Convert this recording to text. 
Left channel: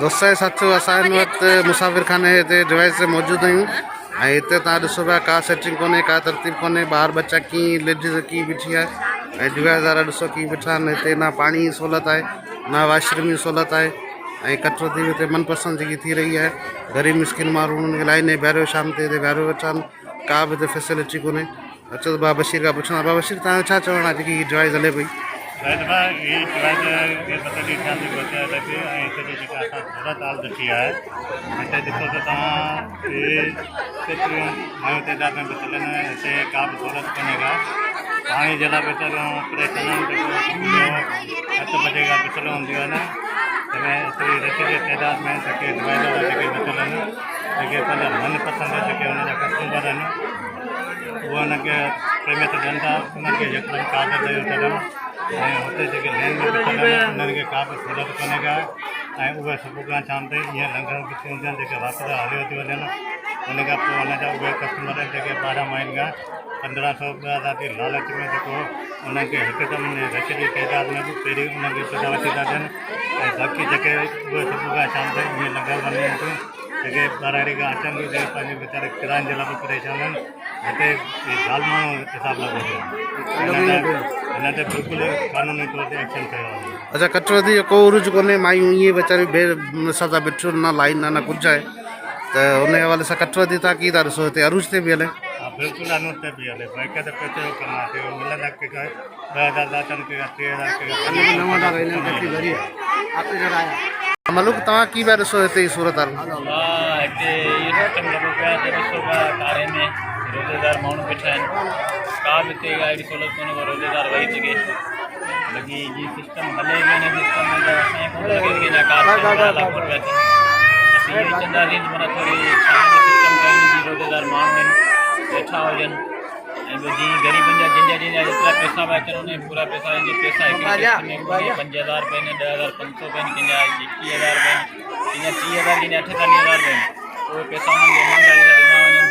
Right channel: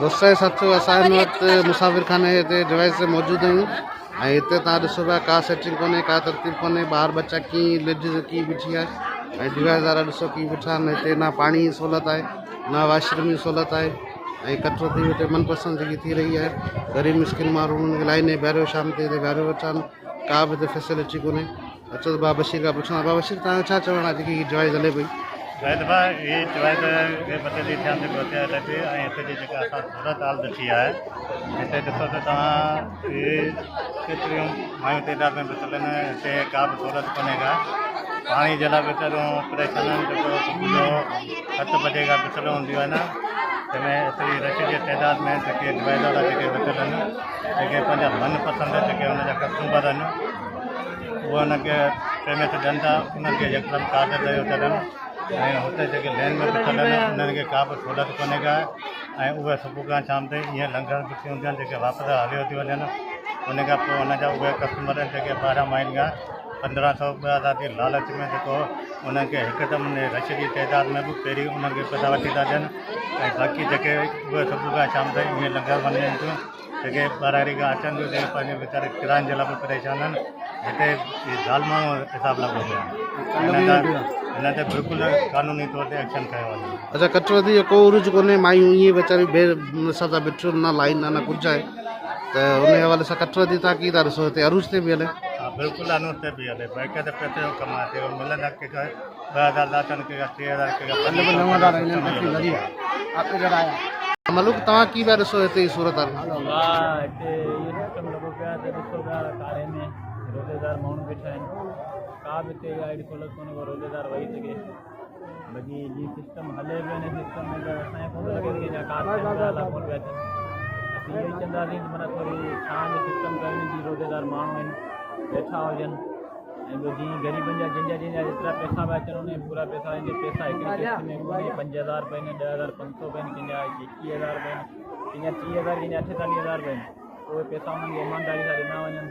दोस्तों साथियों असां हिन वक़्तु मुसाफ़िर खाने ते डिवाइस ते मौजूदु आहियूं ऐं हिते तव्हां ॾिसो पिया का सेटिंग कोन्हे का तरतीब कोन्हे ॿार बच्चा कीअं लेडीज़ कीअं बीठी आहे ऐं डिवाइस वारा ॾिसो कीअं बीठा आहिनि हिते ना पाणी जी सहूलियत आहे ना वॉशरूम जी सहूलियत आहे ऐं कटरो थी हिते मनपसंदि जेकी थी रही आहे ग़रीब मिस्किन माण्हू उन्हनि खे लाइन में बीहारियो शाम ते हिते बीहारियो वेठा आहिनि का बि हिते फैसिलिटी कोन्हे अचो त बाबा बशीर खां पुछां बाबा बशीर तव्हांजो छा चवणु आहे जेकी हीअ डिवाइस हले पई शायद ये डिवाइस के बदले ध्यान से बचा रहते हैं ऐसे भी जगह आसान सूरत हाल देखी है ऐसे देखो तो तहाँ ये केतिरियूं मायूं तइदाद में बचल आहिनि हिते का बि सहूलियत कोन्हेगा पाणी जे लाइ वेचारियूं परेशान आहिनि जेको सुबुह जो 7 बजे खां बिसल हूंदियूं आहिनि जंहिंमें एतिरी रश जे तइदाद में जेके डिवाइस वारा जेके बचल आहिनि जेके पंहिंजा मनपसंदि जेके हुनजा कस्टमर आहिनि उहे हुनखे प्रेमियत ॾियनि था उन्हनि खे यकदमि कार्ड ॾेई छॾनि ऐं हुते जेके लेन में बीठल आहिनि उन्हनि खे का बि सहूलियत कोन्हे का ऐं उहे सुबुह खां शाम ताईं ईअं लंगर बीठी हूंदियूं आहिनि जेके वापसि हलियो थी वञनि उन खां पोइ हुनजा उहे कस्टमर आहिनि जेके 12 माइल खां 1500 रुपया था थी लालच में जेको उन्हनि खे हिकु दम रश जी तइदाद में बि पहिरीं उन्हनि खे पैसा वठी था ॾियनि ऐं बाक़ी जेके उहे सुबुह खां शाम ताईं ईअं लंगर वञनि थियूं जेके ॿाहिरि खां अचनि थियूं जेके पंहिंजे वीचारे किरायनि जे लाइ बि परेशान आहिनि हिते ज़ाल माण्हू हिसाब लॻो पिया हिन ते बिल्कुलु कानूनी तौर ते एक्शन कयो वञे अच्छा कटरो थी को उर्ज कोन्हे मायूं ईअं वीचारियूं सां था बीठियूं न लाइन न कुझु आहे त उन हवाले सां कटरो थी तव्हां कीअं था ॾिसो हिते अरूज ते बि हले हा बिल्कुलु अनूज ते बि हले भाई हिकु त पैसे जो कमु आहे मिलंदा कंहिंखा 2000 था अचनि कंहिंखा 3000 कंहिंखा मलूक तव्हां कीअं पिया ॾिसो हिते जी सूरत हाल हिते इहो सिस्टम लॻो पियो आहे त ॾिसो पिया कारे में रोज़ेदार माण्हू बीठा आहिनि का बि हिते अहिड़ी सहूलियत कोन्हे को रोज़ेदार वेही सघे बाक़ी जीअं सिस्टम हले पियो हिन सिस्टम में त असांखे कोन लॻे की हिन कार कोन पिया थियनि असीं इहो ई चवंदासीं त माना थोरी छांव जो सिस्टम कयूं जीअं रोज़ेदार माण्हू आहिनि वेठा हुजनि ऐं ॿियो जीअं ग़रीबनि जा जंहिंजा जेतिरा पैसा पिया अचनि उन पूरा पैसा पैसा हिकिड़ी किस्त में कोन्हे 5000 रुपए आहिनि 10500 रुपए आहिनि कंहिंजा 21000 रुपए आहिनि कंहिंजा 30000 कंहिंजा 48,000 रुपए आहिनि उहे पैसा उन्हनि खे ईमानदारी सां ॾिना वञनि